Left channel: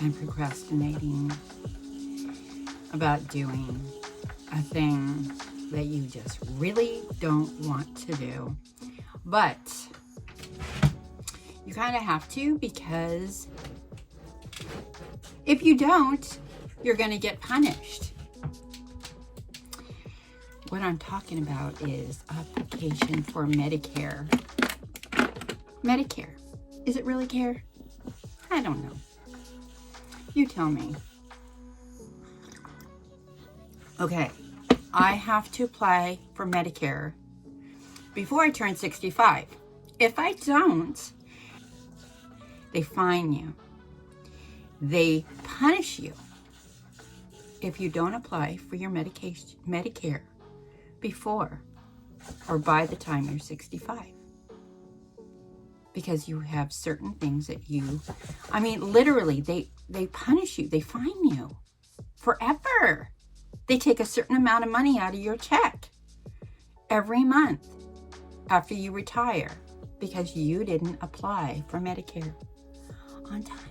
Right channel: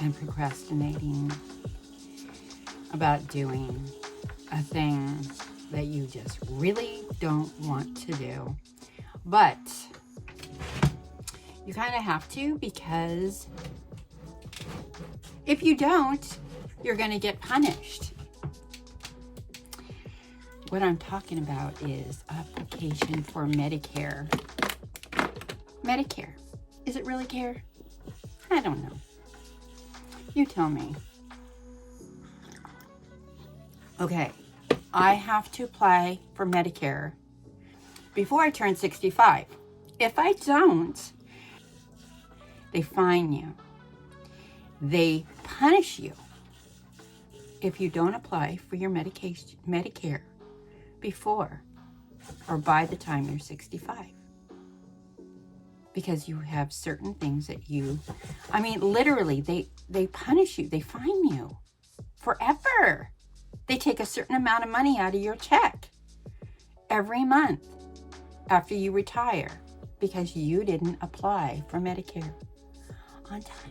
And procrastinating about doing a thing that you just really don't want to do, but you kind of have to, because if you don't, you're going to get punished. What I'm talking about is application for Medicare. Medicare. Is it really care? I don't know. You tell me. Okay, I have to apply for Medicare before I turn 65. If I don't, they fine you. They punish you if you don't apply for your Medicare before or by the time you're 65. Because you have certain things that literally, they punish you. They fine you forever. They take a certain amount of money out of your check every month after you retire because you didn't apply for Medicare on time.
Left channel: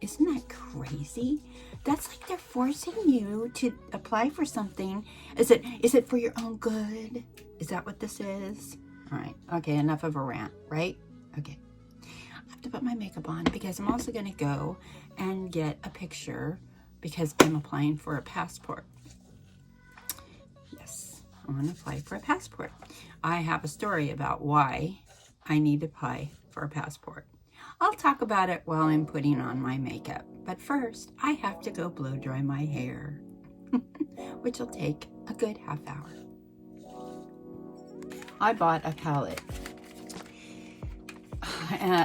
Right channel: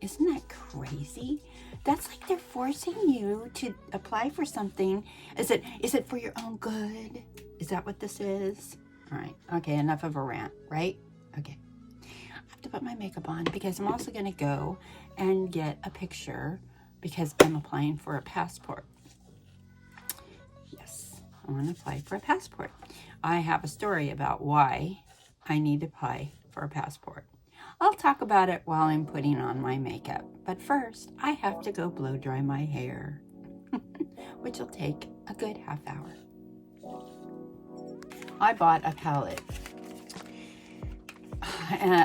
Isn't that crazy? That's like they're forcing you to apply for something. Is it for your own good? Is that what this is? All right. Okay, enough of a rant, right? Okay. I have to put my makeup on because I'm also going to go and get a picture because I'm applying for a passport. Yes, I want to apply for a passport. I have a story about why I need to apply for a passport. I'll talk about it while I'm putting on my makeup. But first, I have to go blow dry my hair, which will take a good half hour. I bought a palette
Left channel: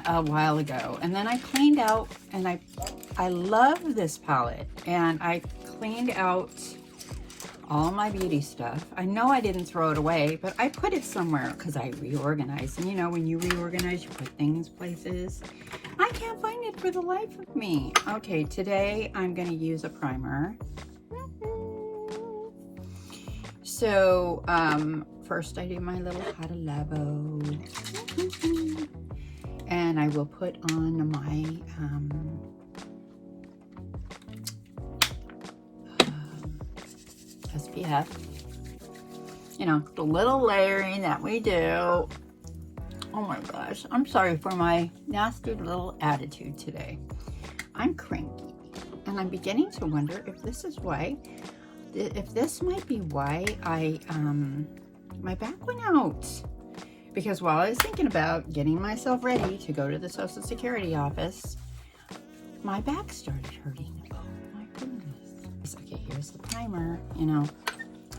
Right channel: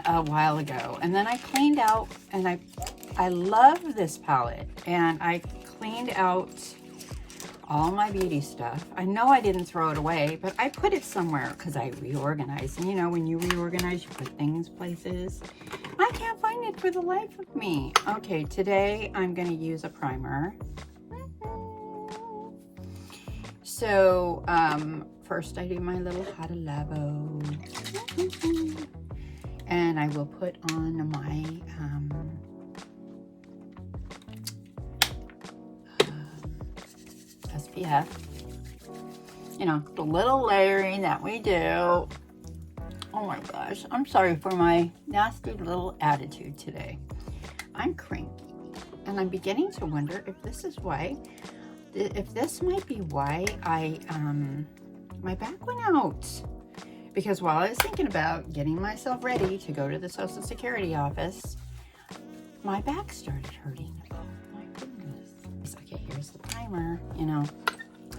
a while ago, and then I cleaned out, and I love this palette, and I cleaned out all my beauty stuff. I know I didn't throw it away, but I put it somewhere because I reorganized. And you know, when you reorganize, you put things places. I can't find it for the life of me. Okay, today I'm going to use a primer. So, first I do my little hot labo. And I will put on my SPF. You know, the little layering that we do. Oh my gosh, I'm sorry for my nasty little attitude today. I'm cranky, and I'm beginning to wonder if this might be why my back went out. Because while I was thinking about getting myself ready to go to the Social Security office, my back started hurting. Oh my goodness. Okay, here's the primer. You know,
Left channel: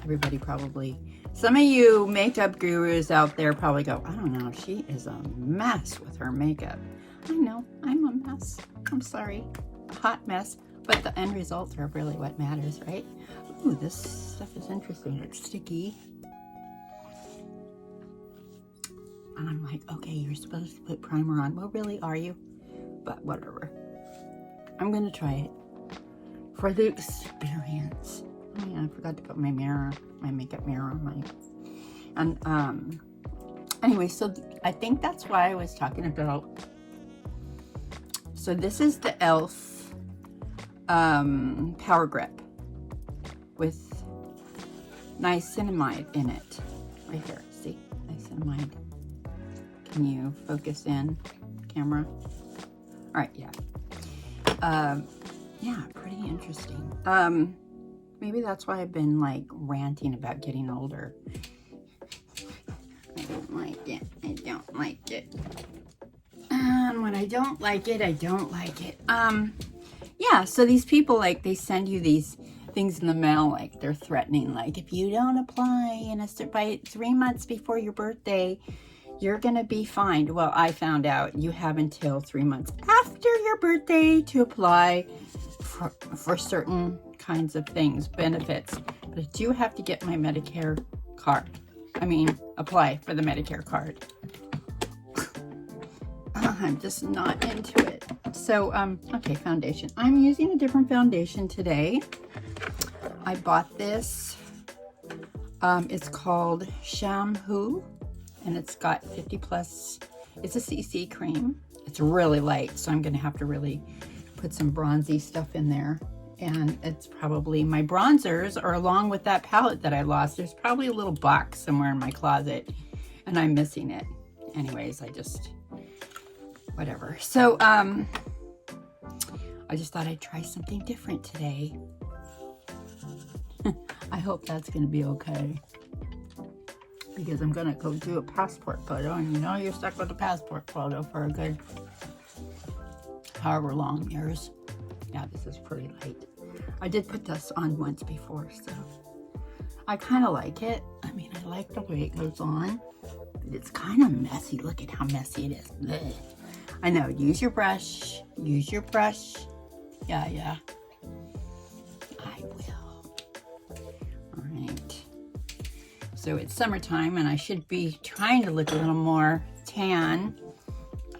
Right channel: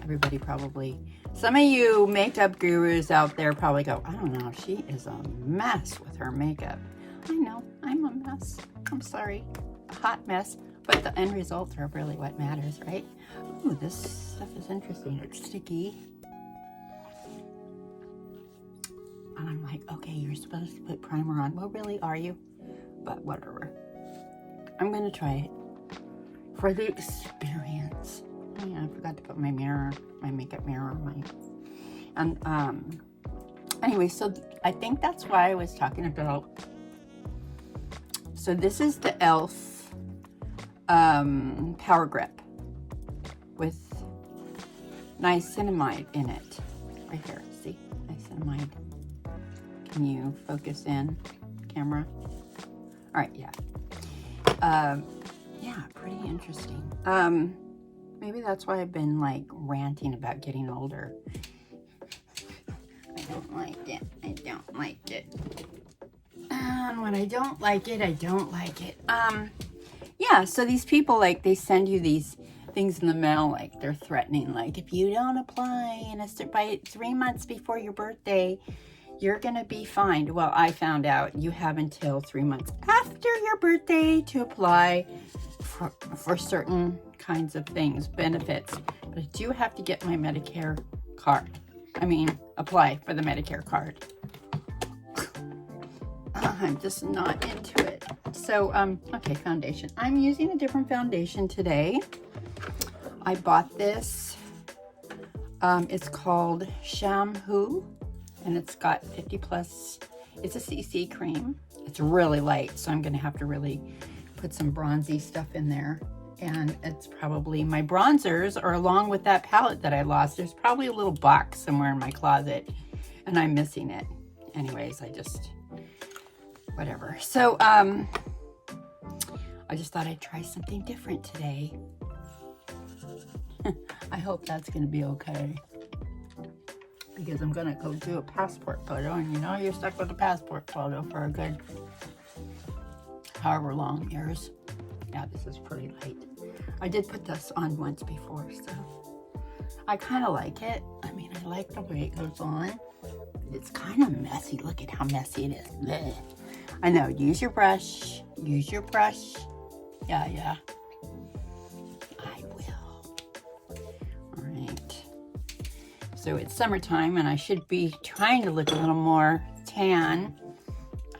everybody probably, some of you makeup gurus out there probably go, I don't know, she is a mess with her makeup. I know, I'm a mess. I'm sorry, a hot mess. But the end results are really what matters, right? Ooh, this stuff is interesting. It's sticky. And I'm like, okay, you're supposed to put primer on. Well, really, are you? But whatever. I'm going to try it for the experience. Oh, yeah, I forgot to put my mirror, my makeup mirror on my... And, anyway, so I think that's why I was talking about... So this is the e.l.f. Power Grip with niacinamide in it. Right here, see? Niacinamide. Can you focus in, camera? All right, yeah. Yeah, pretty interesting. Maybe that's why I've been like ranting about getting older. I don't like it. I don't like it. And when I don't like it, I don't like it. Yeah, so these people, like, they send you these things in the mail, like, they're threatening, like, if you don't apply by 3 months before your birthday, you're going to be fined. Well, I found out you have until 3 months after your birthday to apply for certain kinds of things, benefits. But I do have to get my Medicare card. I mean, apply for the Medicare card. I'm just not into it. So, okay, foundation. I'm using a different foundation today. I bought this. It's called Shampoo, and it's got 50 plus. It's a CC cream. It's really light, so I'm going to have to really put some bronzy stuff in there. And it's probably my bronzers, or along with that palette that I lost, there's probably a little box somewhere in my closet, and I'm missing it. Anyways, whatever. So, I just thought I'd try something different today. I hope that's going to be okay. Because I'm going to go do a passport photo. And you know you're stuck with a passport photo for a good however long years. Yeah, this is pretty light. I did put this on once before, so I kind of like it. I mean, I like the way it goes on. It's kind of messy. Look at how messy it is. Blech. I know. Use your brush. Use your brush. Yeah. I will. All right. So it's summertime, and I should be trying to look a little more tan.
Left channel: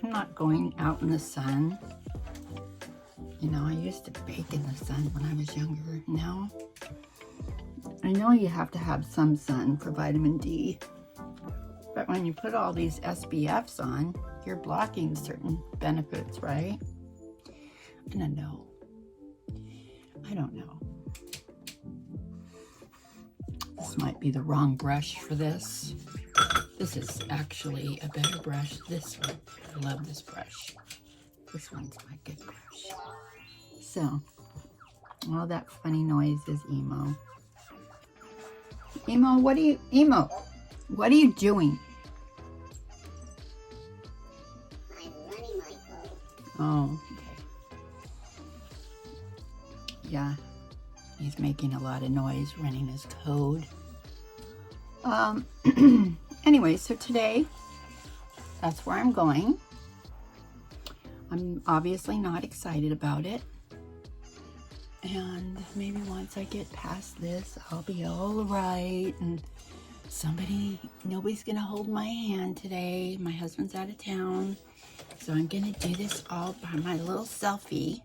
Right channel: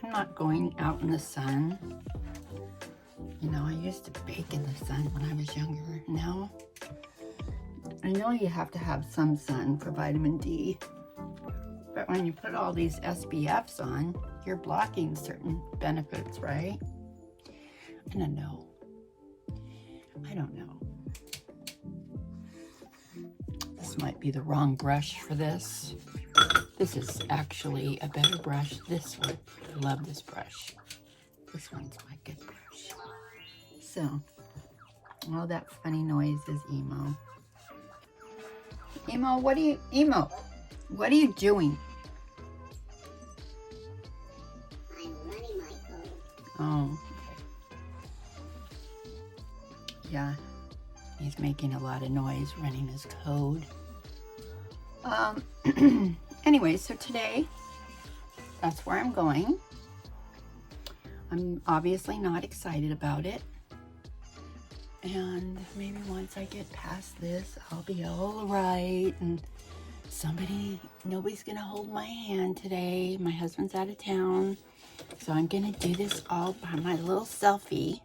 I'm not going out in the sun. You know, I used to bake in the sun when I was younger. Now, I know you have to have some sun for vitamin D. But when you put all these SPFs on, you're blocking certain benefits, right? I don't know. This might be the wrong brush for this. This is actually a better brush. This one. I love this brush. This one's my good brush. So, all that funny noise is Emo. Emo, what are you doing? I'm running my code. Oh, okay. Yeah, he's making a lot of noise running his code. Anyway, so today, that's where I'm going. I'm obviously not excited about it. And maybe once I get past this, I'll be all right. And nobody's gonna hold my hand today. My husband's out of town. So I'm gonna do this all by my little selfie.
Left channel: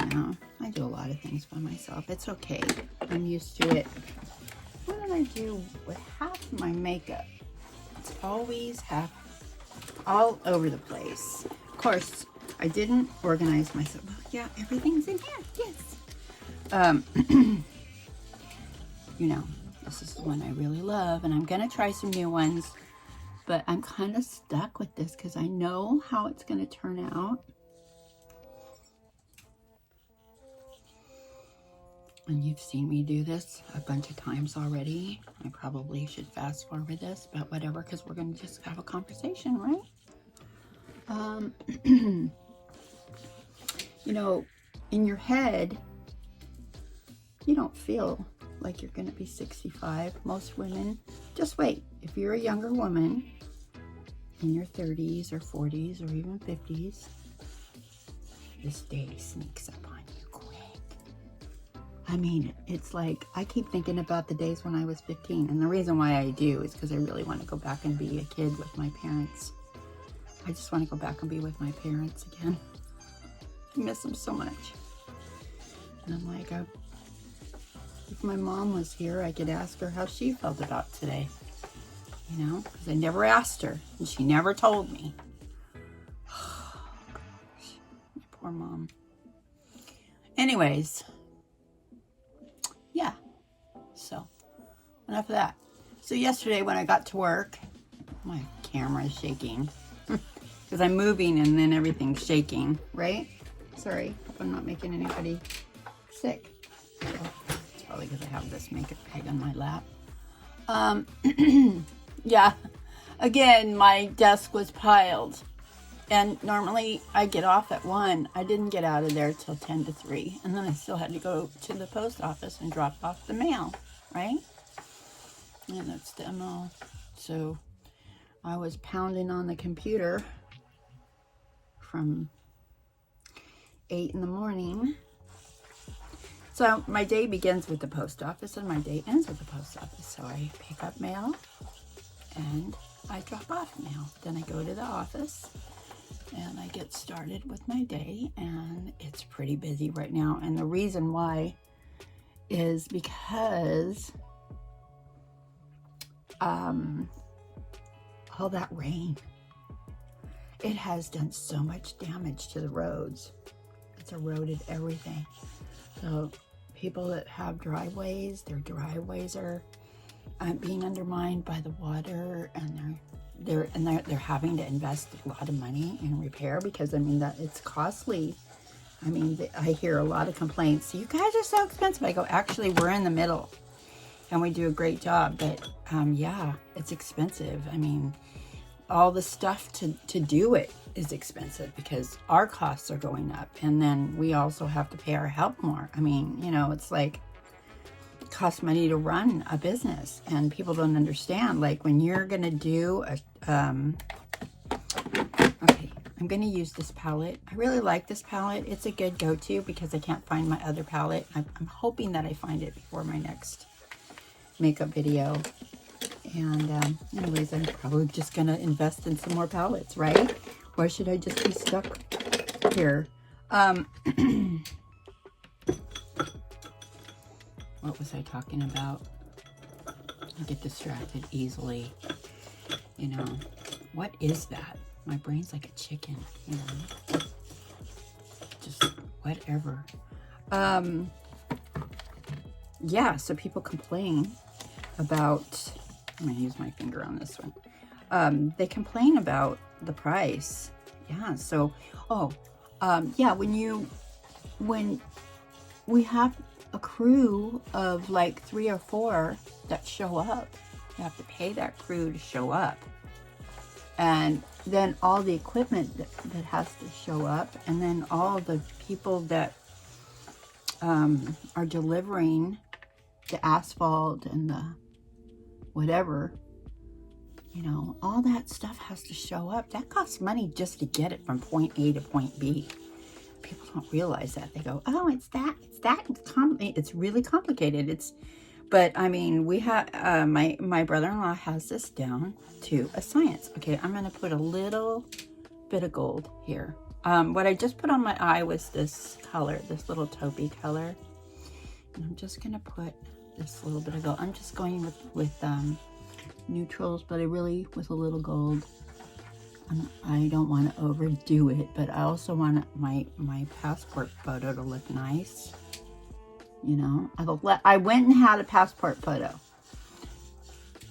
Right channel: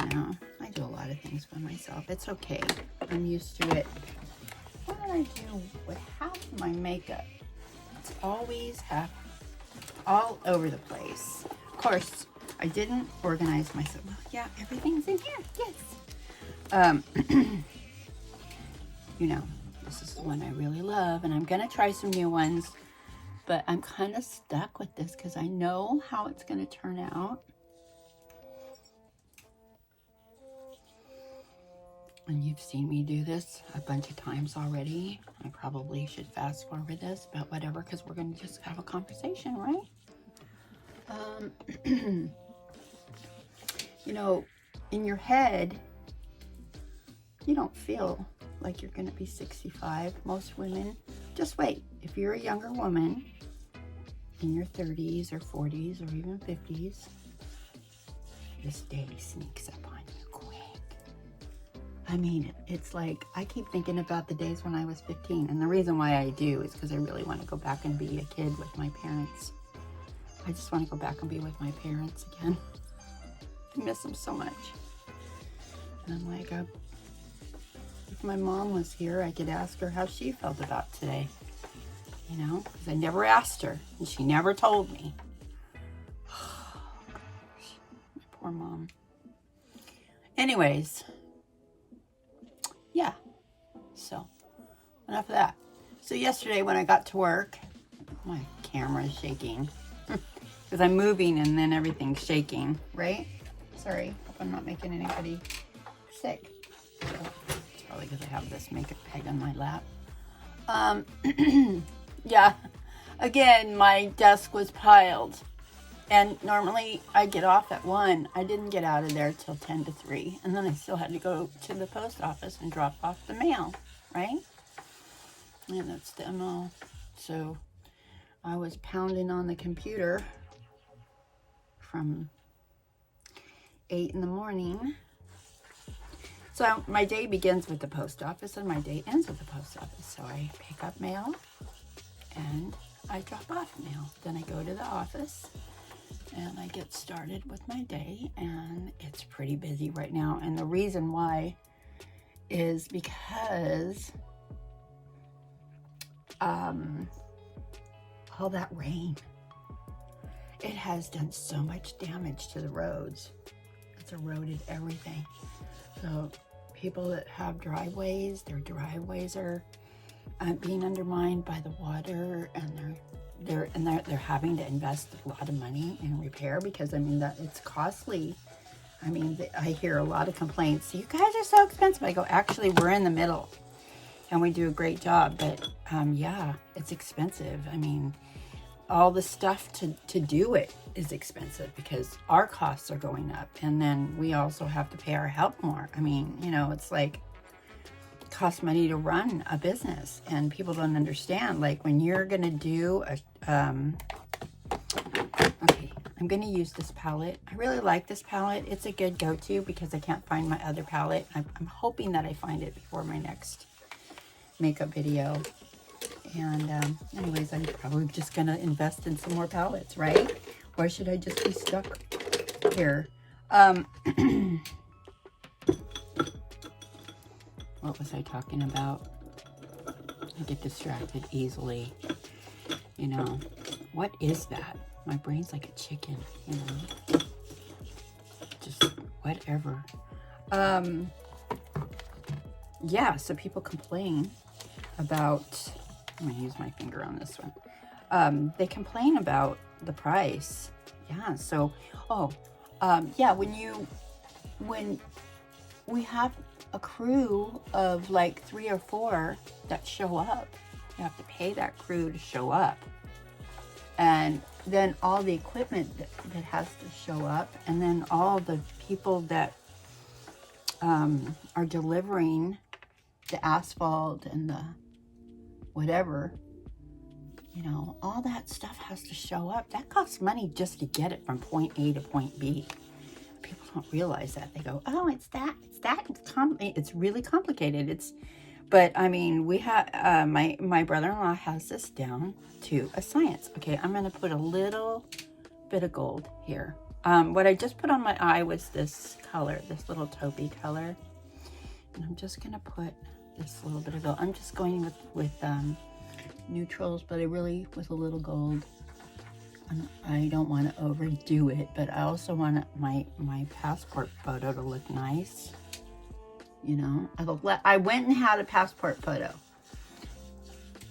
You know, I do a lot of things by myself. It's okay. I'm used to it. What did I do with half my makeup? It's always all over the place. Of course, I didn't organize myself. Well, yeah, everything's in here. Yes. You know, this is the one I really love, and I'm gonna try some new ones, but I'm kind of stuck with this because I know how it's gonna turn out. And you've seen me do this a bunch of times already. I probably should fast forward this, but whatever, because we're gonna just have a conversation, right? You know, in your head, you don't feel like you're going to be 65. Most women, just wait. If you're a younger woman in your 30s or 40s or even 50s, this day sneaks up on you quick. I mean, it's like, I keep thinking about the days when I was 15. And the reason why I do is because I really want to go back and be a kid with my parents. I just want to go back and be with my parents again. I miss them so much. And I'm like, if my mom was here, I could ask her how she felt about today. You know, because I never asked her, and she never told me. Oh, gosh. My poor mom. Anyways, yeah. So, enough of that. So yesterday when I got to work, my camera is shaking. Because I'm moving and then everything's shaking, right? Sorry, hope I'm not making anybody sick. It's probably because I have this makeup bag on my lap. Yeah, again, my desk was piled. And normally I get off at 1. I didn't get out of there till 10 to 3. And then I still had to go to the post office and drop off the mail, right? And that's the MO. So I was pounding on the computer from 8 in the morning. So my day begins with the post office and my day ends with the post office. So I pick up mail and I drop off mail. Then I go to the office and I get started with my day, and it's pretty busy right now. And the reason why is because all that rain, it has done so much damage to the roads. It's eroded everything. So people that have driveways, their driveways are being undermined by the water, and they're having to invest a lot of money in repair, because I mean that it's costly. I mean, I hear a lot of complaints. You guys are so expensive. I go, actually, we're in the middle, and we do a great job. But yeah, it's expensive. I mean, all the stuff to do it is expensive because our costs are going up, and then we also have to pay our help more. I mean, you know, it's like it costs money to run a business, and people don't understand. Like when you're gonna do a okay, I'm gonna use this palette. I really like this palette. It's a good go-to because I can't find my other palette. I'm hoping that I find it before my next makeup video. And anyways, I'm probably just gonna invest in some more palettes, right? Or should I just be stuck here? What was I talking about? I get distracted easily. You know, what is that? My brain's like a chicken, you know? Just whatever. Yeah, so people complain about, I'm gonna use my finger on this one. They complain about the price. Yeah, so, yeah, when we have a crew of like 3 or 4 that show up, you have to pay that crew to show up. And then all the equipment that has to show up, and then all the people that are delivering the asphalt and the whatever, you know, all that stuff has to show up. That costs money just to get it from point A to point B. People don't realize that. They go, oh, it's that. It's really complicated. But I mean, we have, my brother-in-law has this down to a science. Okay, I'm going to put a little bit of gold here. What I just put on my eye was this color, this little taupey color. And I'm just going to put this little bit of gold. I'm just going with neutrals, but I really, with a little gold. I don't want to overdo it, but I also want my passport photo to look nice. You know, I went and had a passport photo,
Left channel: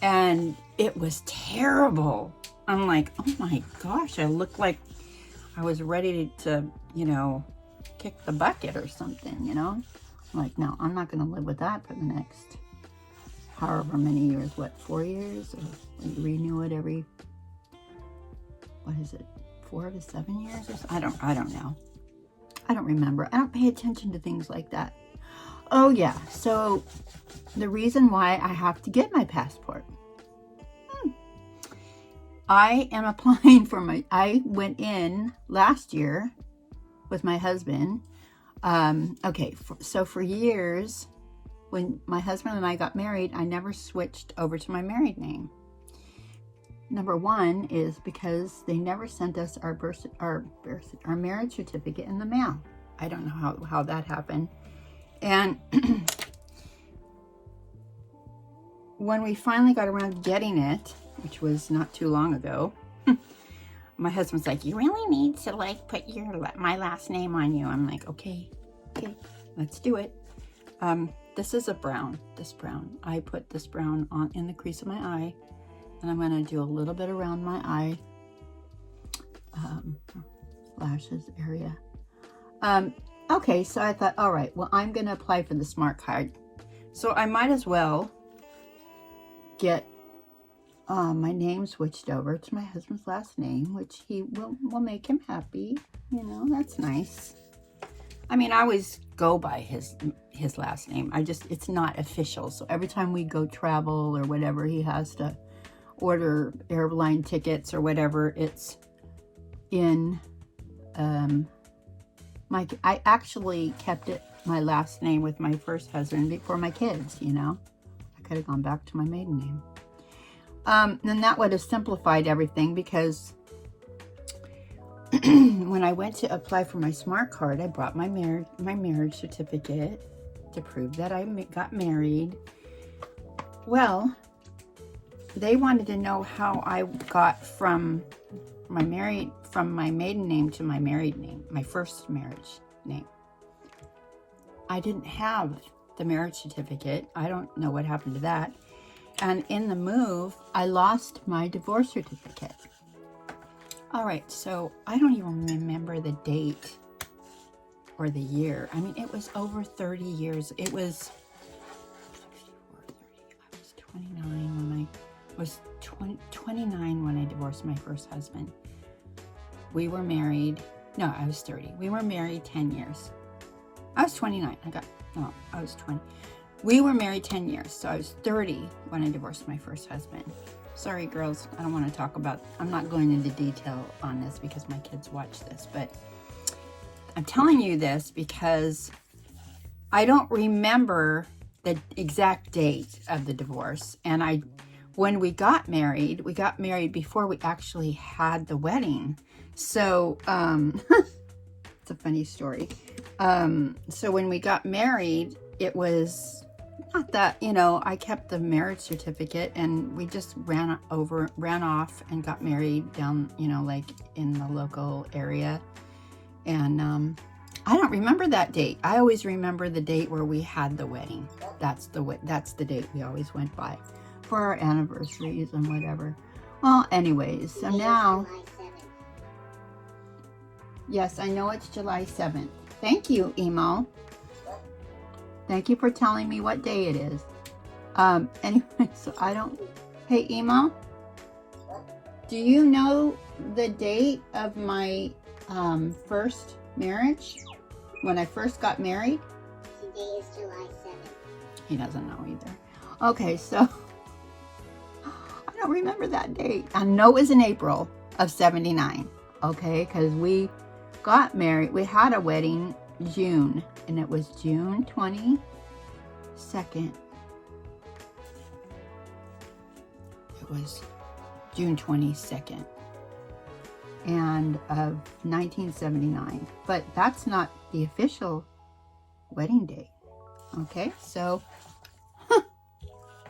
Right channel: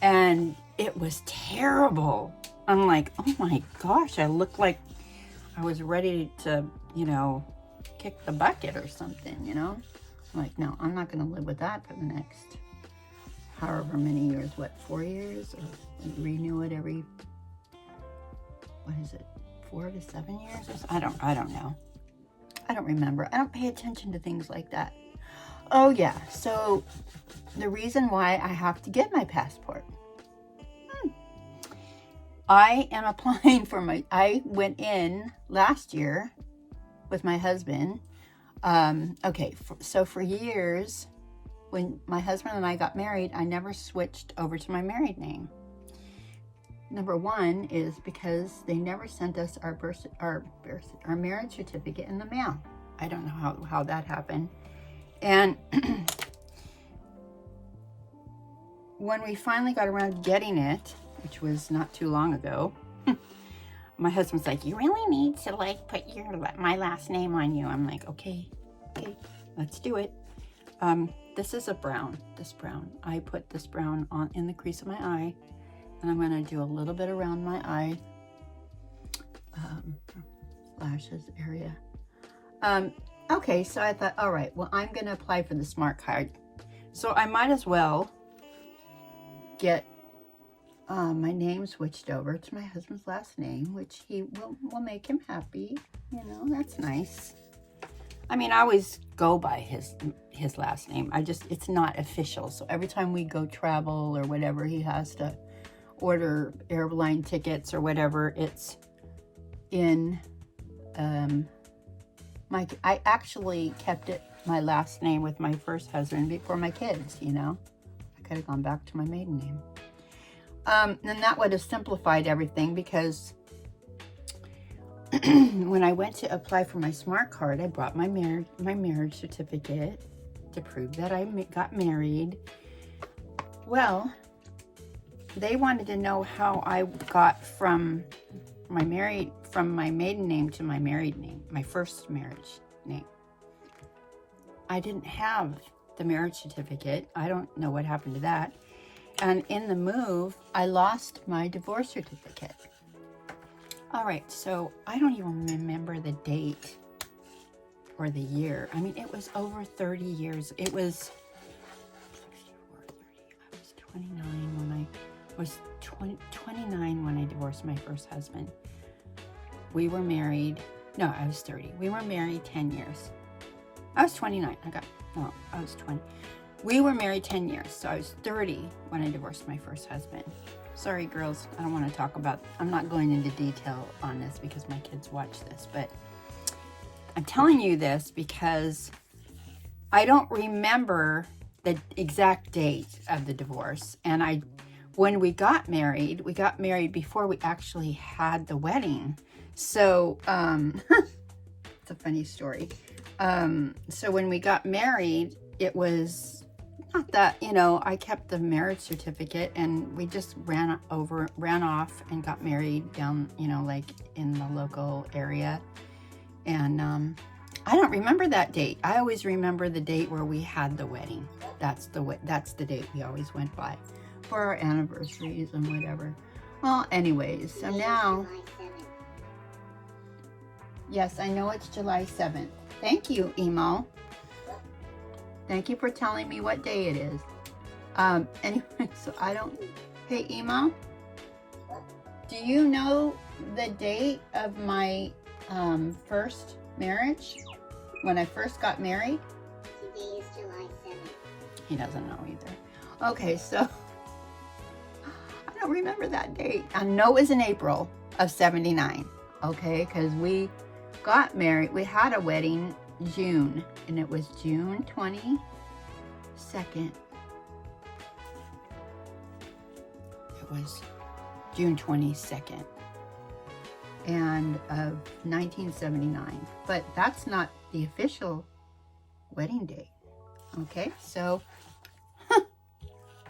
and it was terrible. I'm like, oh my gosh, I looked like I was ready to, you know, kick the bucket or something, you know? I'm like, no, I'm not going to live with that for the next however many years. What, 4 years? Or we renew it every, what is it, 4 to 7 years? Or so? I don't know. I don't remember. I don't pay attention to things like that. Oh yeah, so the reason why I have to get my passport. I am applying for I went in last year with my husband. Okay, so for years, when my husband and I got married, I never switched over to my married name. Number one is because they never sent us our marriage certificate in the mail. I don't know how that happened. And when we finally got around to getting it, which was not too long ago, my husband's like, you really need to like put my last name on you. I'm like, okay, let's do it. This is a brown, this brown. I put this brown on in the crease of my eye, and I'm going to do a little bit around my eye, lashes area. Okay, so I thought, all right, well, I'm going to apply for the smart card. So I might as well get My name switched over to my husband's last name, which he will make him happy. You know, that's nice. I mean, I always go by his last name. It's not official. So every time we go travel or whatever, he has to order airline tickets or whatever. It's in, I actually kept my last name with my first husband before my kids, you know. I could have gone back to my maiden name. And that would have simplified everything, because when I went to apply for my smart card, I brought my marriage certificate to prove that I got married. Well, they wanted to know how I got from my maiden name to my married name, my first marriage name. I didn't have the marriage certificate. I don't know what happened to that. And in the move, I lost my divorce certificate. All right, so I don't even remember the date or the year. I mean, it was over 30 years. It was 29 when I divorced my first husband. We were married. No, I was 30. We were married 10 years. I was 29. I was 20. We were married 10 years, so I was 30 when I divorced my first husband. Sorry, girls, I don't want to talk about, I'm not going into detail on this because my kids watch this, but I'm telling you this because I don't remember the exact date of the divorce. And when we got married before we actually had the wedding. So, it's a funny story. So when we got married, it was not that, you know, I kept the marriage certificate and we just ran off and got married down, you know, like in the local area. And I don't remember that date. I always remember the date where we had the wedding. That's the date we always went by for our anniversaries and whatever. Well, anyways, so now, yes, I know it's July 7th. Thank you, Emo. Thank you for telling me what day it is. Anyway, so hey, Emo, do you know the date of my first marriage? When I first got married? Today is July 7th. He doesn't know either. Okay, so I don't remember that date. I know it was in April of 79. Okay, because we got married. We had a wedding June, and it was June 22nd. It was June 22nd and of 1979, but that's not the official wedding date. Okay, so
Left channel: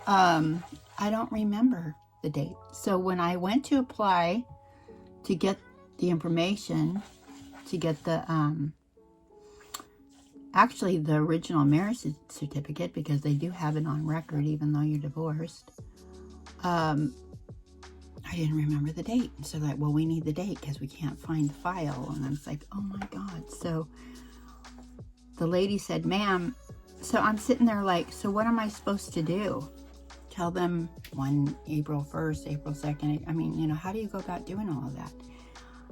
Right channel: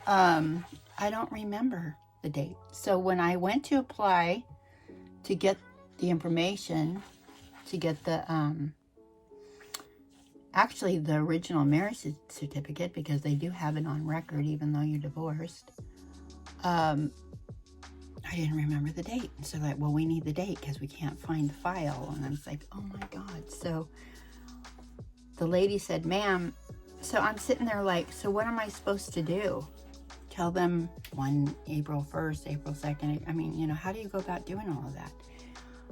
I don't remember the date. So when I went to apply to get the information to get the actually the original marriage certificate, because they do have it on record even though you're divorced, I didn't remember the date. So like, well, we need the date because we can't find the file. And I was like, oh my God. So the lady said, ma'am, so I'm sitting there like, so what am I supposed to do? Tell them April 1st, April 2nd. I mean, you know, how do you go about doing all of that?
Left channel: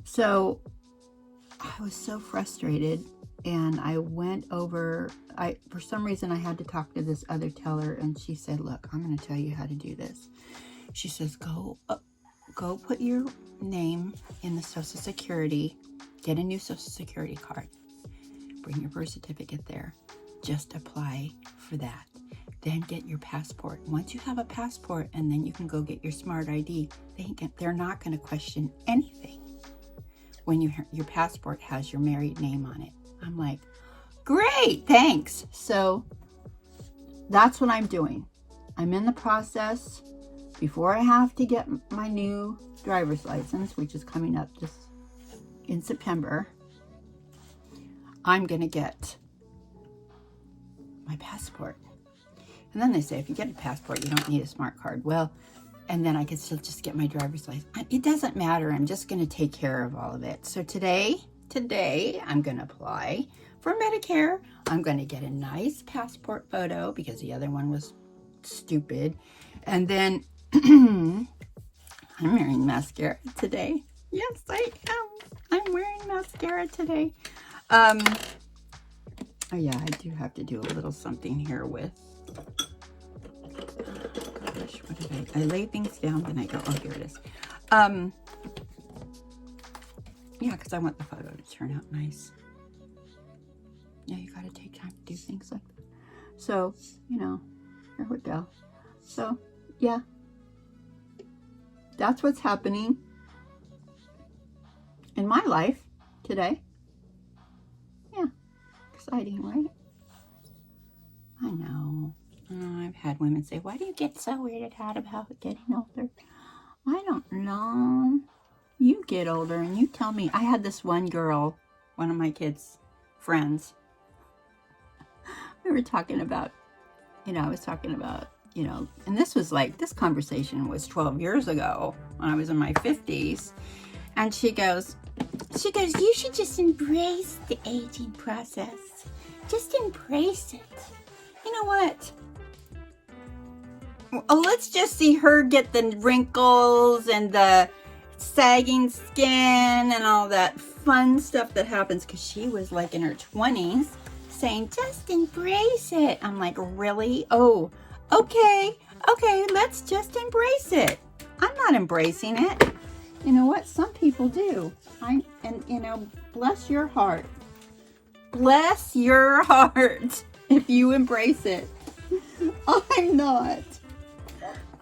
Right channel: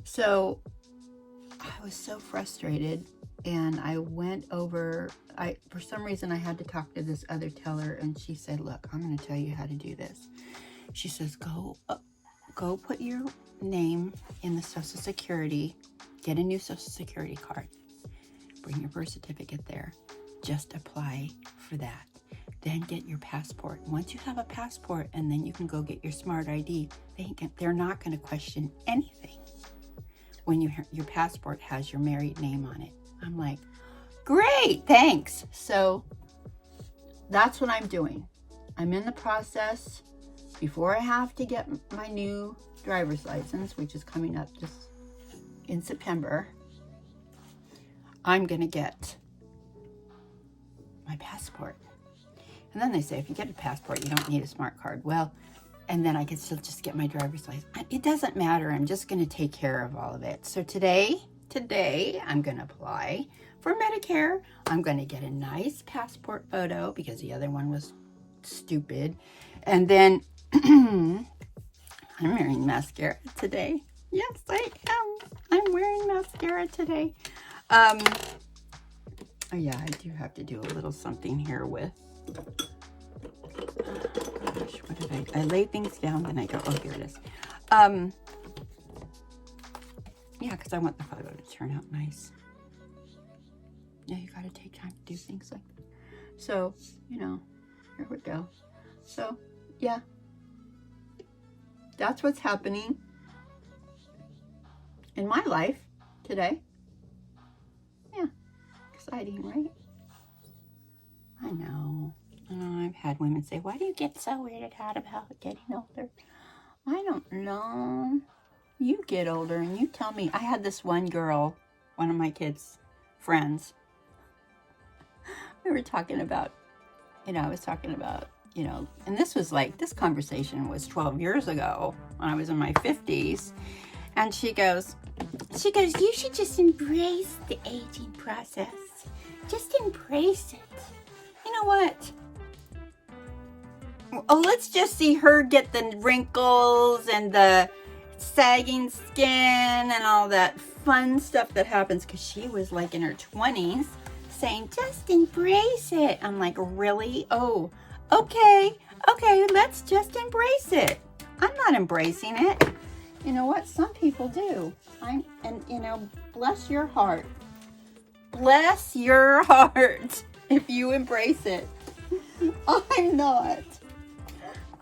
So I was so frustrated, and I went over, for some reason I had to talk to this other teller, and she said, look, I'm going to tell you how to do this. She says, go put your name in the Social Security, get a new Social Security card, bring your birth certificate there, just apply for that. Then get your passport. Once you have a passport, and then you can go get your smart ID, they're not going to question anything when your passport has your married name on it. I'm like, great, thanks. So that's what I'm doing. I'm in the process. Before I have to get my new driver's license, which is coming up just in September, I'm going to get my passport. And then they say, if you get a passport, you don't need a smart card. Well, and then I can still just get my driver's license. It doesn't matter. I'm just going to take care of all of it. So today, I'm going to apply for Medicare. I'm going to get a nice passport photo because the other one was stupid. And then I'm wearing mascara today. Yes, I am. I'm wearing mascara today. Oh yeah, I do have to do a little something here with. Gosh, what did I lay things down, then I go, oh, here it is. Yeah, because I want the photo to turn out nice. Yeah, you got to take time to do things like that. So, you know, here we go. So, yeah. That's what's happening in my life today. Yeah, exciting, right? I know. I've had women say, why do you get so weirded out about getting older? I don't know. You get older and you tell me. I had this one girl, one of my kids' friends. We were talking about, I was talking about, and this was like, this conversation was 12 years ago when I was in my 50s. And she goes, you should just embrace the aging process. Just embrace it. You know what? Oh, let's just see her get the wrinkles and the sagging skin and all that fun stuff that happens, because she was like in her 20s saying, just embrace it. I'm like, really? Oh, okay, let's just embrace it. I'm not embracing it. You know what? Some people do. Bless your heart. Bless your heart if you embrace it. I'm not.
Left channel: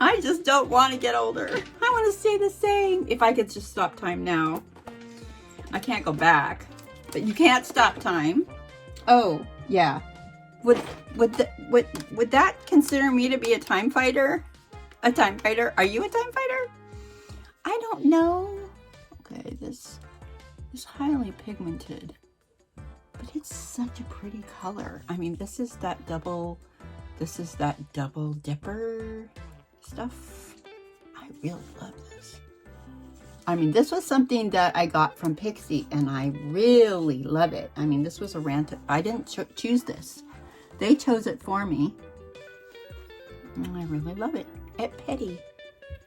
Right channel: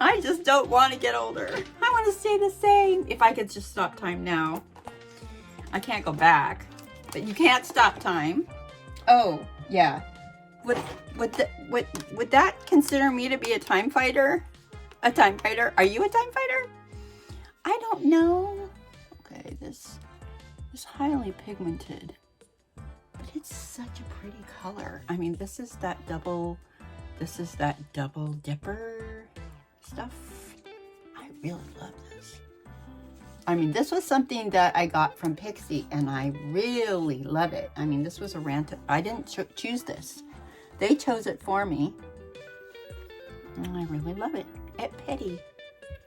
I just don't want to get older. I want to stay the same. If I could just stop time now. I can't go back, but you can't stop time. Oh, yeah. Would that consider me to be a time fighter? A time fighter? Are you a time fighter? I don't know. Okay, this is highly pigmented, but it's such a pretty color. I mean, this is that double dipper stuff. I really love this. I mean, this was something that I got from Pixie, and I really love it. I mean, this was a rant. I didn't choose this. They chose it for me. And I really love it. It's petty.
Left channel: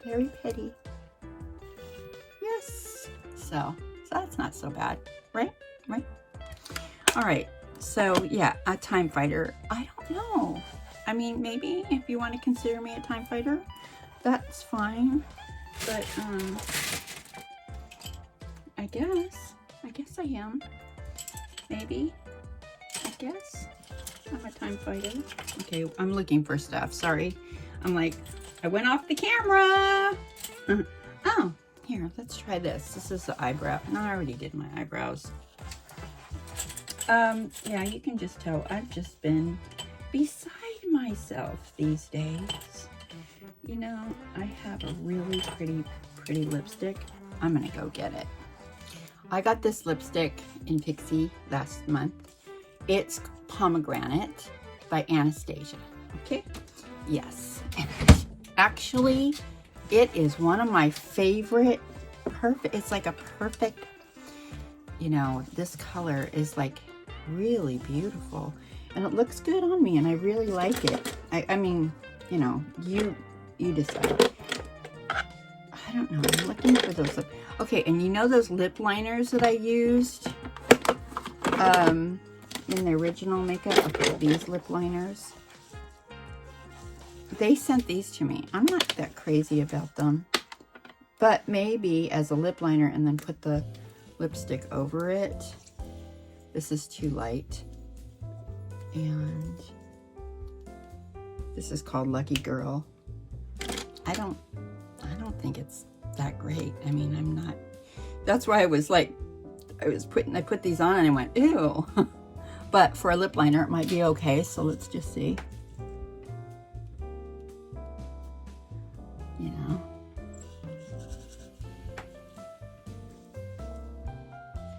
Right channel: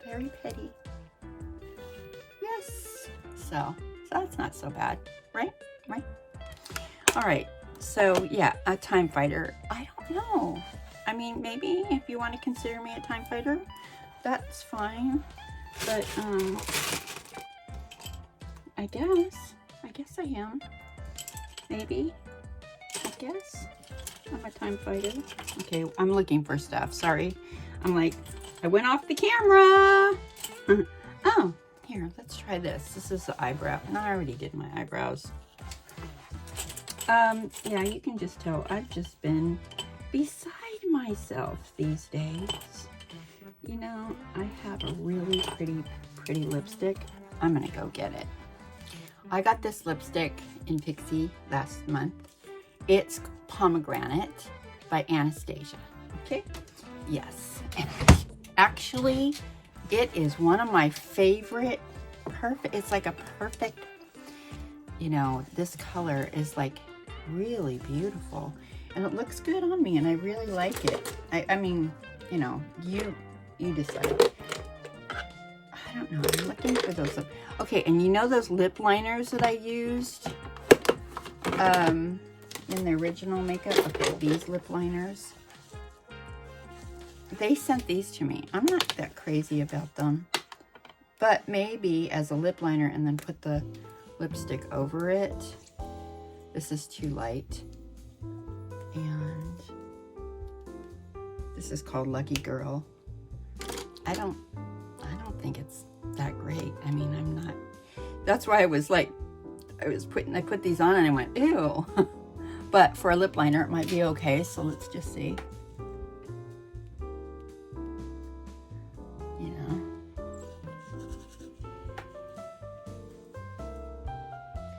Very petty. Yes. So that's not so bad. Right? All right. So, yeah, a time fighter. I don't know. I mean, maybe if you want to consider me a time fighter, that's fine. But, I guess I am. Maybe. I guess. I'm a time fighter. Okay, I'm looking for stuff. Sorry. I'm like, I went off the camera. Oh, here, let's try this. This is the eyebrow. No, I already did my eyebrows. Yeah, you can just tell I've just been beside myself these days. You know, I have a really pretty lipstick. I'm gonna go get it. I got this lipstick in Pixie last month. It's Pomegranate by Anastasia. Okay? Yes. And actually, it is one of my favorite. It's like a perfect, this color is like really beautiful. And it looks good on me, and I really like it. I mean, you decide. I don't know. I'm looking for those. Okay, and those lip liners that I used in the original makeup? Okay, these lip liners. They sent these to me. I'm not that crazy about them. But maybe as a lip liner and then put the lipstick over it. This is too light. And this is called Lucky Girl. I don't think it's that great. I mean, I'm not. That's why I was like, I put these on and I went, ew. But for a lip liner, it might be okay. So let's just see.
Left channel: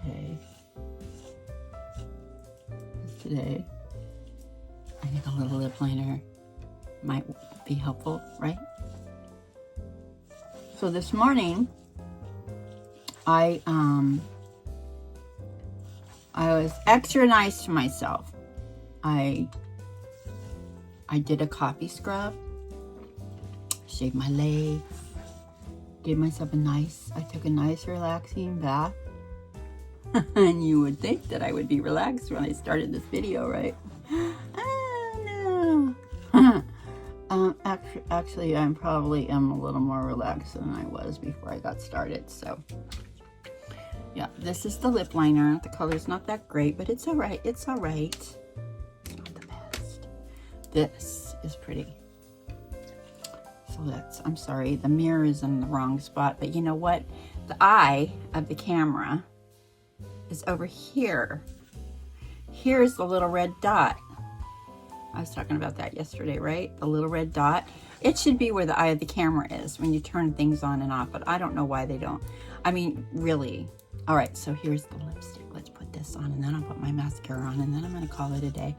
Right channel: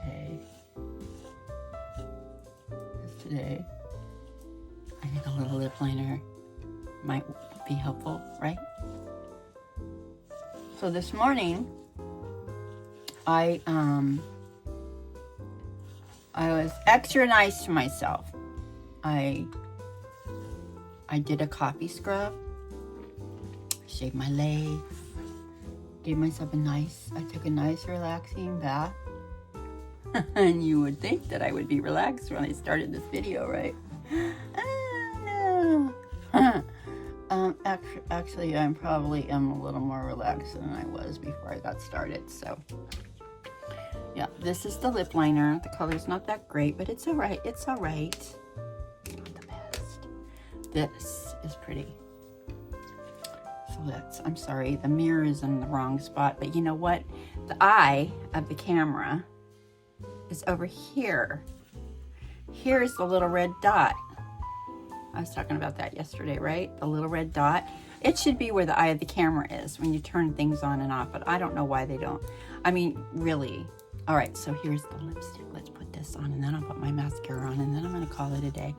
Okay. Today, I think a little lip liner might be helpful, right? So this morning, I was extra nice to myself. I did a coffee scrub, shaved my legs, gave myself I took a nice relaxing bath. And you would think that I would be relaxed when I started this video, right? Oh, no. Actually, I probably am a little more relaxed than I was before I got started. So, yeah, this is the lip liner. The color's not that great, but it's all right. It's all right. It's not the best. This is pretty. So I'm sorry, the mirror is in the wrong spot, but you know what? The eye of the camera is over here. Here's the little red dot. I was talking about that yesterday, right? The little red dot. It should be where the eye of the camera is when you turn things on and off, but I don't know why they don't. I mean, really. All right, so here's the lipstick. Let's put this on, and then I'll put my mascara on, and then I'm gonna call it a day.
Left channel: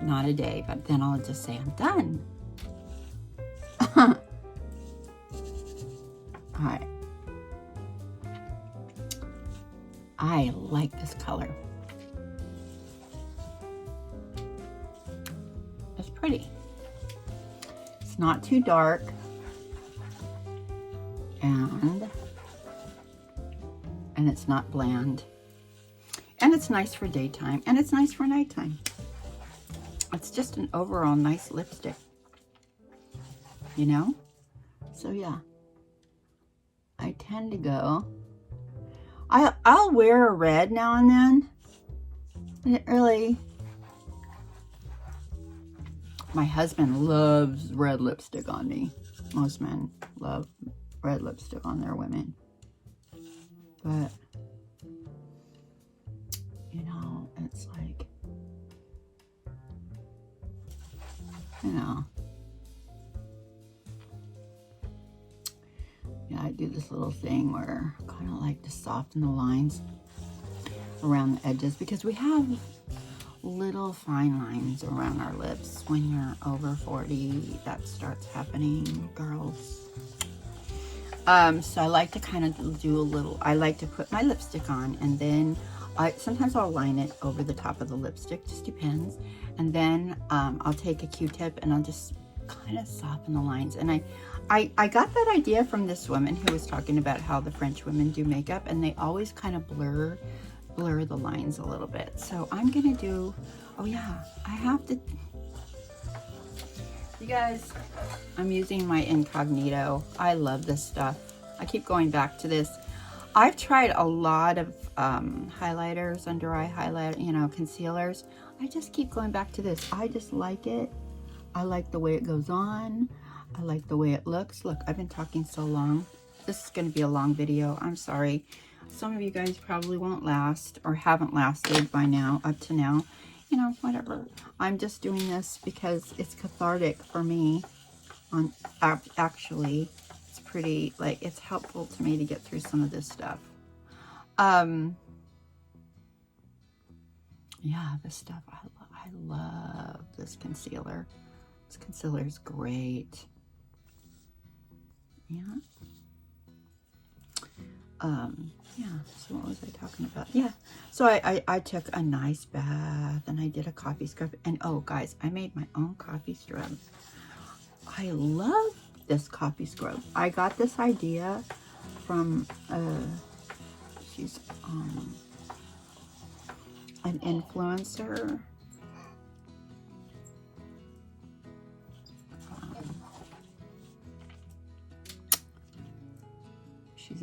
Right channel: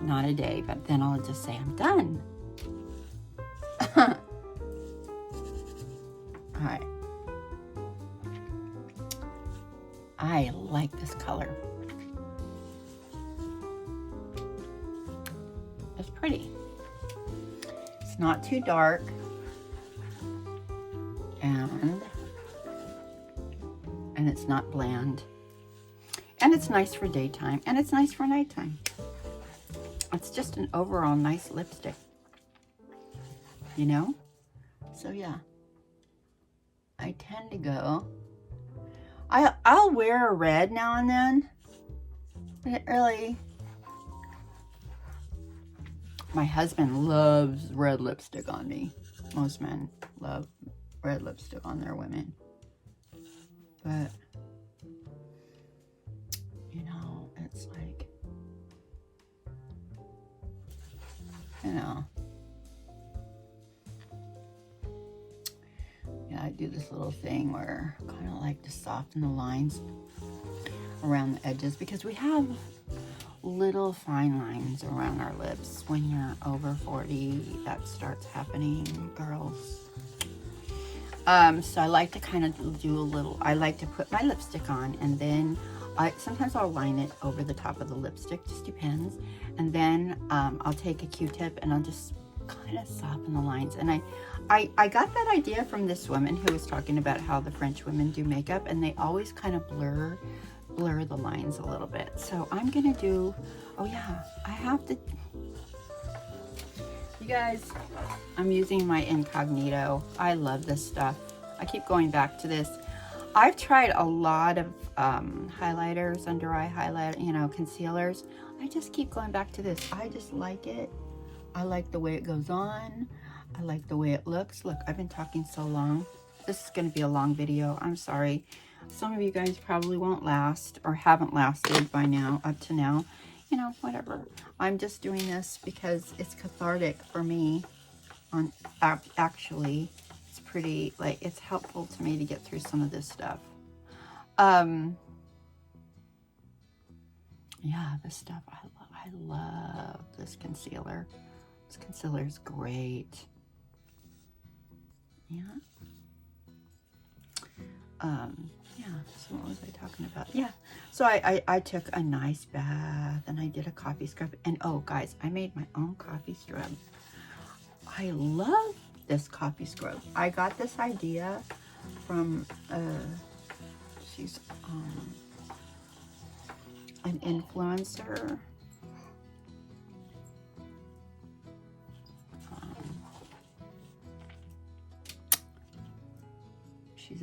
Not a day, but then I'll just say I'm done. All right. I like this color. It's pretty. It's not too dark. And it's not bland. And it's nice for daytime. And it's nice for nighttime. It's just an overall nice lipstick. You know? So yeah. I tend to go. I'll wear a red now and then. And it really... My husband loves red lipstick on me. Most men love red lipstick on their women. But, you know, it's like, you know. Yeah, I do this little thing where I kind of like to soften the lines around the edges because we have little fine lines around our lips. When you're over 40, that starts happening, girls. So I like to kind of do a little, I like to put my lipstick on, and then sometimes I'll line it over the top of the lipstick, just depends. And then I'll take a Q-tip and I'll just kind of soften the lines. And I got that idea from this woman who was talking about how the French women do makeup, and they always kind of blur the lines a little bit. So I'm gonna do, oh yeah, I have to, you guys, I'm using my incognito. I love this stuff. I keep going back to this. I've tried a lot of highlighters, under eye highlight, you know, concealers. I just keep going back to this. I just like it. I like the way it goes on. I like the way it looks. Look, I've been talking so long. This is going to be a long video. I'm sorry. Some of you guys probably won't last or haven't lasted by now, up to now. You know, whatever. I'm just doing this because it's cathartic for me. Actually, it's pretty, like, it's helpful to me to get through some of this stuff. Yeah, this stuff, I love this concealer. This concealer is great. Yeah. Yeah, so what was I talking about? Yeah, so I took a nice bath and I did a coffee scrub. And oh, guys, I made my own coffee scrub. I love this coffee scrub. I got this idea from, she's an influencer. She's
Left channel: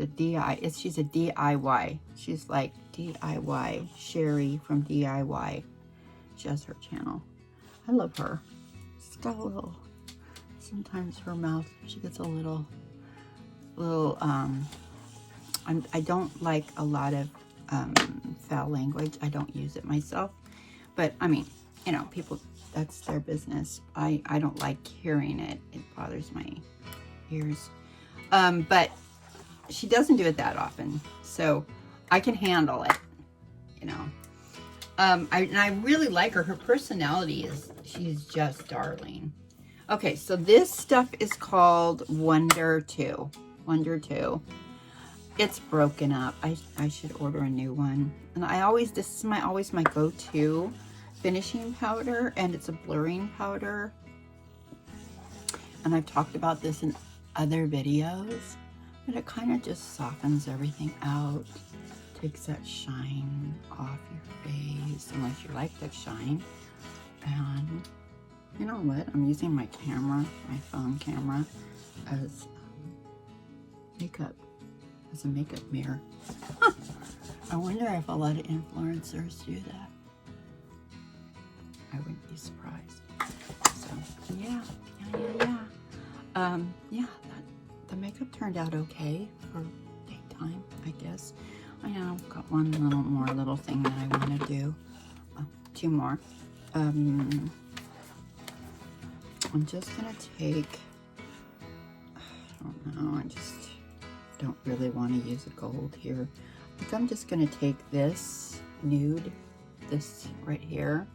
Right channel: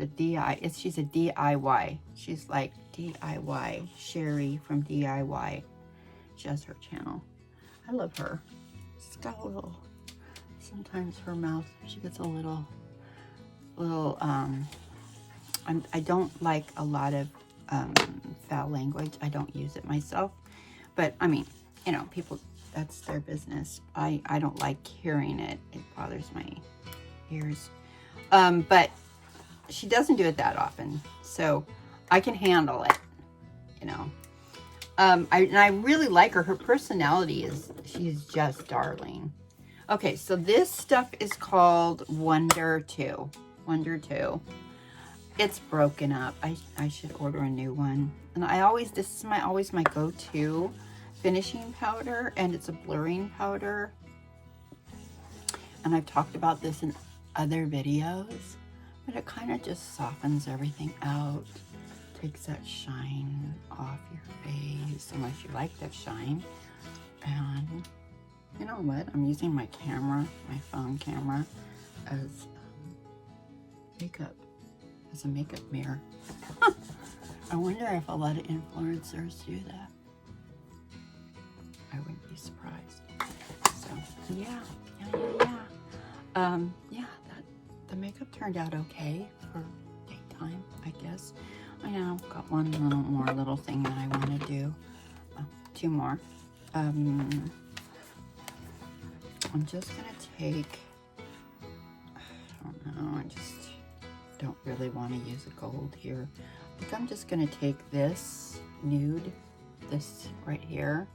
a DIY. She's like DIY Sherry from DIY. She has her channel. I love her. She's got a little, sometimes her mouth, she gets a little, I don't like a lot of foul language. I don't use it myself, but I mean, you know, people, that's their business. I don't like hearing it. It bothers my ears. But she doesn't do it that often, so I can handle it, you know. And I really like her. Her personality is, she's just darling. Okay, so this stuff is called Wonder 2. Wonder 2. It's broken up. I should order a new one. And this is always my go-to finishing powder, and it's a blurring powder. And I've talked about this in other videos. But it kind of just softens everything out. Takes that shine off your face, unless you like that shine. And you know what? I'm using my camera, my phone camera, as makeup, as a makeup mirror. I wonder if a lot of influencers do that. I wouldn't be surprised. So yeah. The makeup turned out okay for daytime, I guess. I know I've got one little thing that I want to do. 2 more. I'm just gonna take, I don't know, I just don't really want to use a gold here. I think I'm just gonna take this nude, this right here,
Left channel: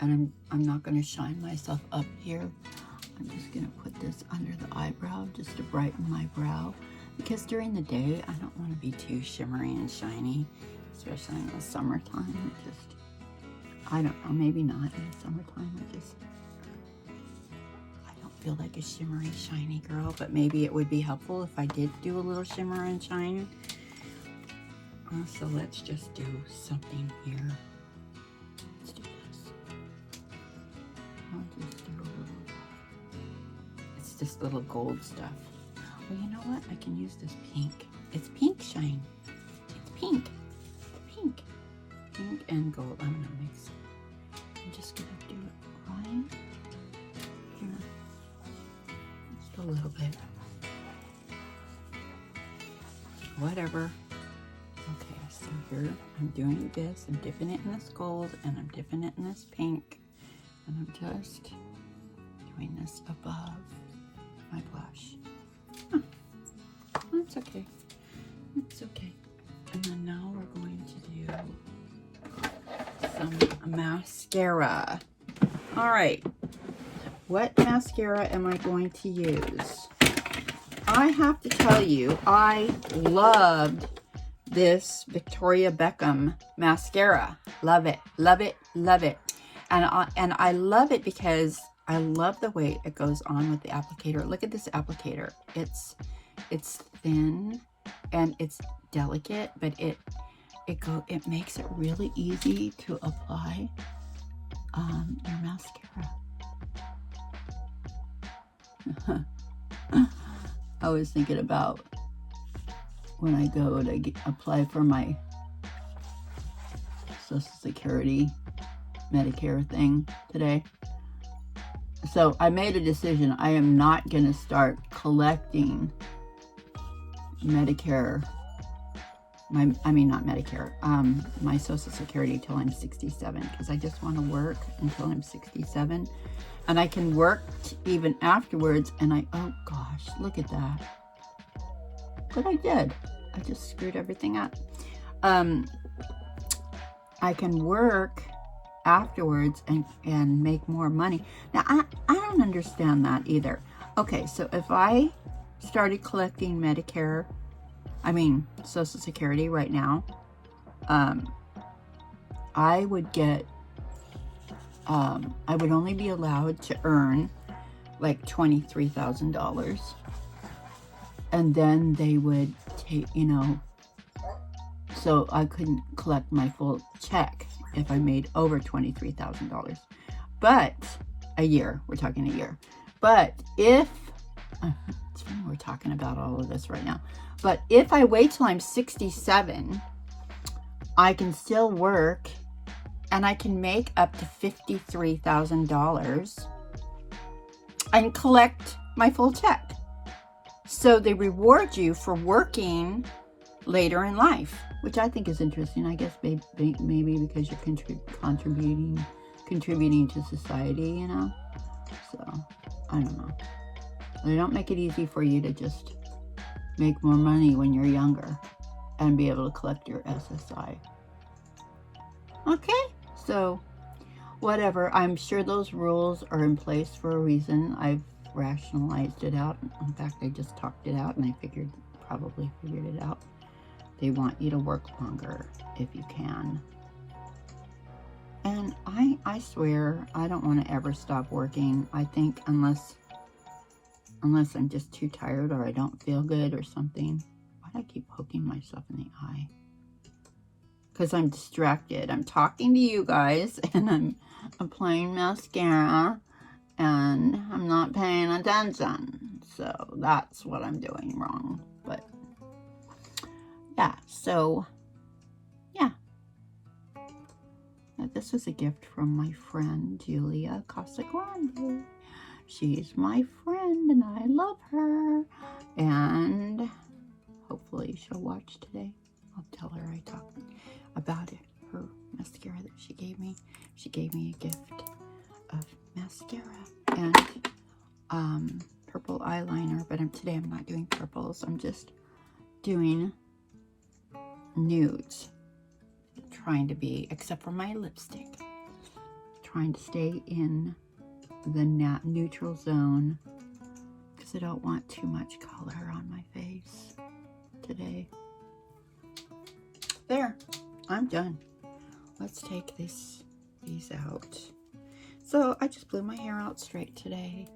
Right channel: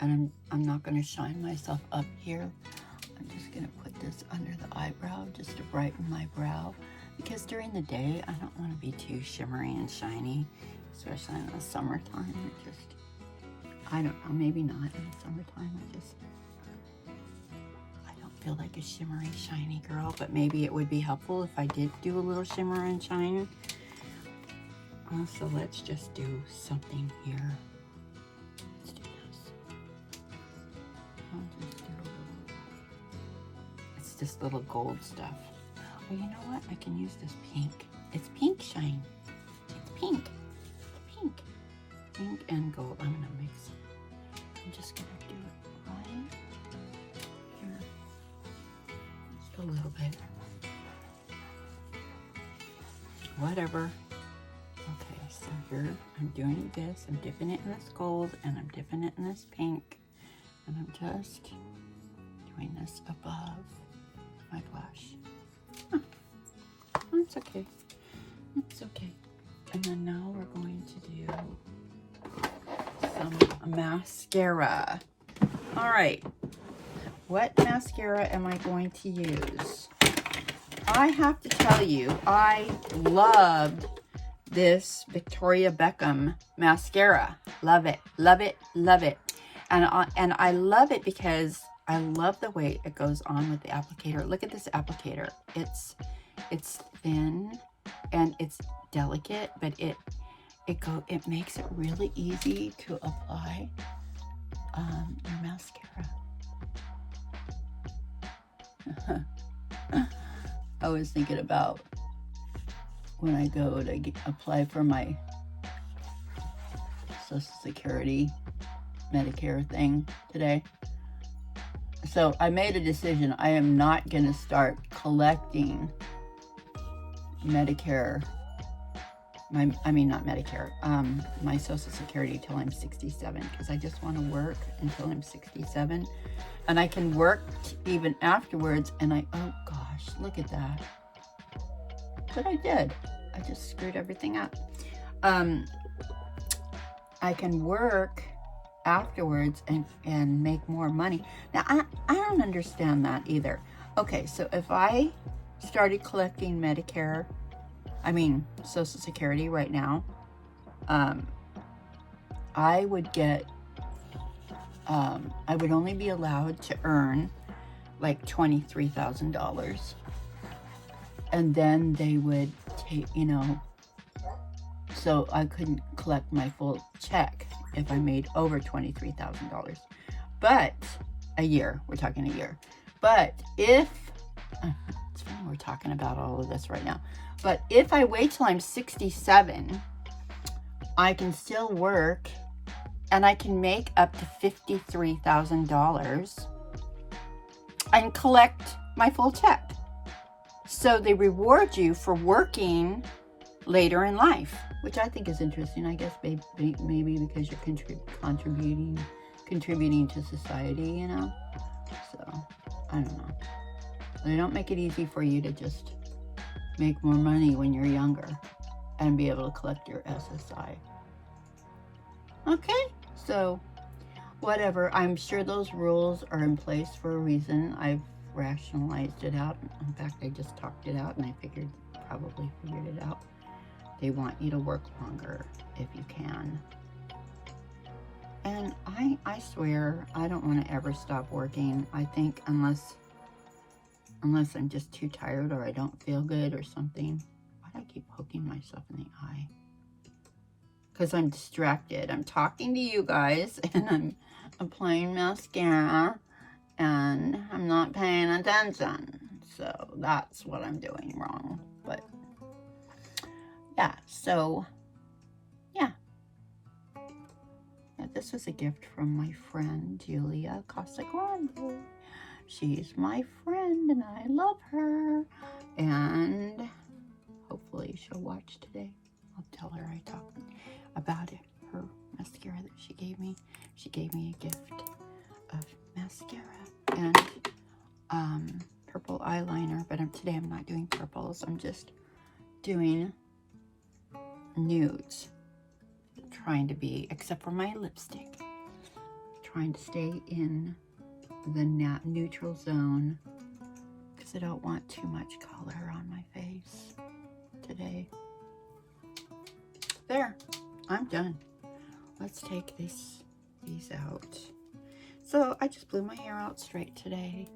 and I'm not gonna shine myself up here. I'm just gonna put this under the eyebrow just to brighten my brow, because during the day I don't want to be too shimmery and shiny, especially in the summertime. It just, I don't know, maybe not in the summertime. I don't feel like a shimmery, shiny girl, but maybe it would be helpful if I did do a little shimmer and shine. So let's just do something here. Let's do this. I'll just do a little, it's this little gold stuff. Well, you know what? I can use this pink. It's pink shine. It's pink. Pink. Pink and gold. I'm gonna mix it. I'm just gonna do it right here. Just a little bit. Whatever. Okay, so here I'm doing this. I'm dipping it in this gold and I'm dipping it in this pink. And I'm just doing this above my blush. It's okay. It's okay. And then now we're going to do some mascara. All right. What mascara am I going to use? I have to tell you, I loved this Victoria Beckham mascara. Love it, love it, love it. And I love it because I love the way it goes on with the applicator. Look at this applicator. It's thin and it's delicate, but it makes it really easy to apply your mascara. I was thinking about when I go to apply for my Social Security Medicare thing today. So I made a decision. I am not going to start collecting Medicare, not Medicare, my Social Security till I'm 67, because I just want to work until I'm 67. And I can work even afterwards, and oh gosh, look at that. But I did. I just screwed everything up. I can work afterwards and make more money. Now, I don't understand that either. Okay, so if I started collecting Medicare, Social Security right now, I would get, I would only be allowed to earn like $23,000. And then they would take, so I couldn't collect my full check if I made over $23,000. But a year, we're talking a year. But if, it's funny we're talking about all of this right now. But if I wait till I'm 67, I can still work and I can make up to $53,000 and collect my full check. So they reward you for working later in life, which I think is interesting. I guess maybe because you're contributing to society, So I don't know. They don't make it easy for you to just make more money when you're younger and be able to collect your SSI. Okay, so whatever. I'm sure those rules are in place for a reason. I've rationalized it out. In fact, I just talked it out and I probably figured it out. They want you to work longer if you can. And I swear, I don't want to ever stop working. I think unless I'm just too tired or I don't feel good or something. I keep poking myself in the eye? Because I'm distracted. I'm talking to you guys and I'm applying mascara and I'm not paying attention. So that's what I'm doing wrong. But yeah, so yeah. This was a gift from my friend Julia Casagrande. She's my friend and I love her. And hopefully she'll watch today. I'll tell her I talked about it, her mascara that she gave me. She gave me a gift of mascara and purple eyeliner, but today I'm not doing purples. I'm just doing nudes. Trying to be, except for my lipstick, trying to stay in the neutral zone because I don't want too much color on my face today. There, I'm done. Let's take these out. So I just blew my hair out straight today,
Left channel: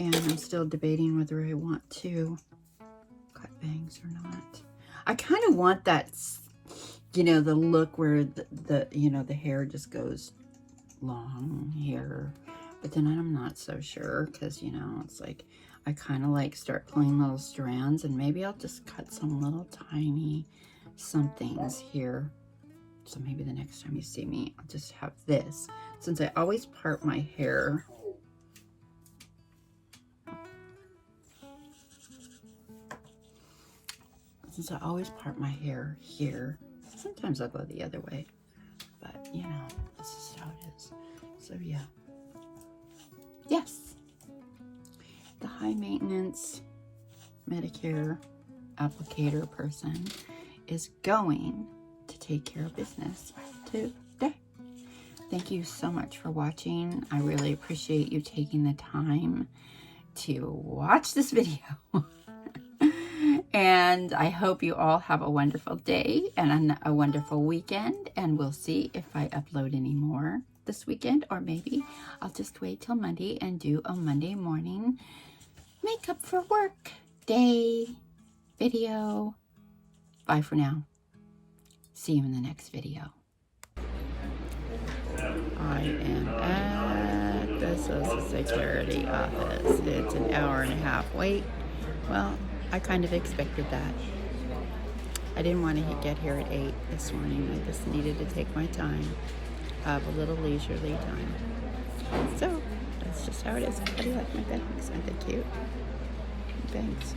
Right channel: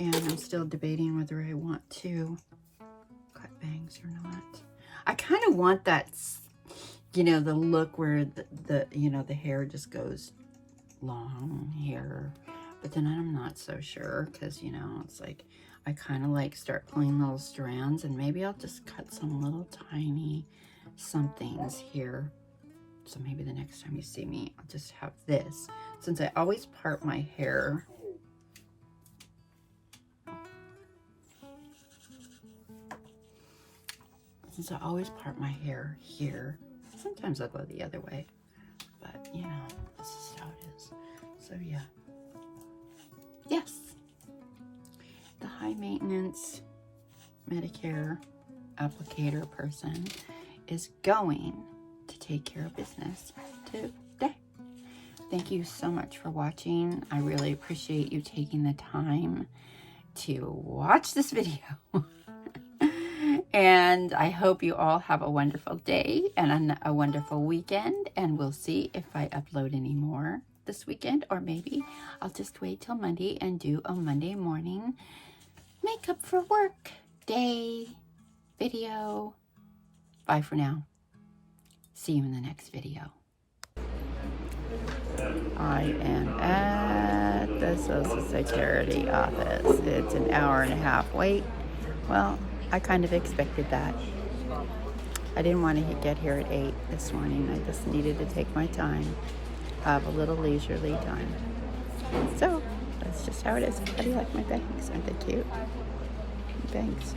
and I'm still debating whether I want to cut bangs or not. I kind of want that, you know, the look where the you know, the hair just goes long here, but then I'm not so sure because, you know, it's like I kind of like start pulling little strands, and maybe I'll just cut some little tiny somethings here. So maybe the next time you see me, I'll just have this, since I always part my hair. Since I always part my hair here, sometimes I'll go the other way, but you know, this is how it is. So yeah. Yes. The high maintenance Medicare applicator person is going to take care of business today. Thank you so much for watching. I really appreciate you taking the time to watch this video. And I hope you all have a wonderful day and a wonderful weekend. And we'll see if I upload any more this weekend, or maybe I'll just wait till Monday and do a Monday morning makeup for work day video. Bye for now. See you in the next video. I am at the Social Security office. It's an hour and a half wait. Well, I kind of expected that. I didn't want to get here at 8 this morning. I just needed to take my time, have a little leisurely time. So, that's just how it is. How do you like my bangs? Aren't they cute? Bangs.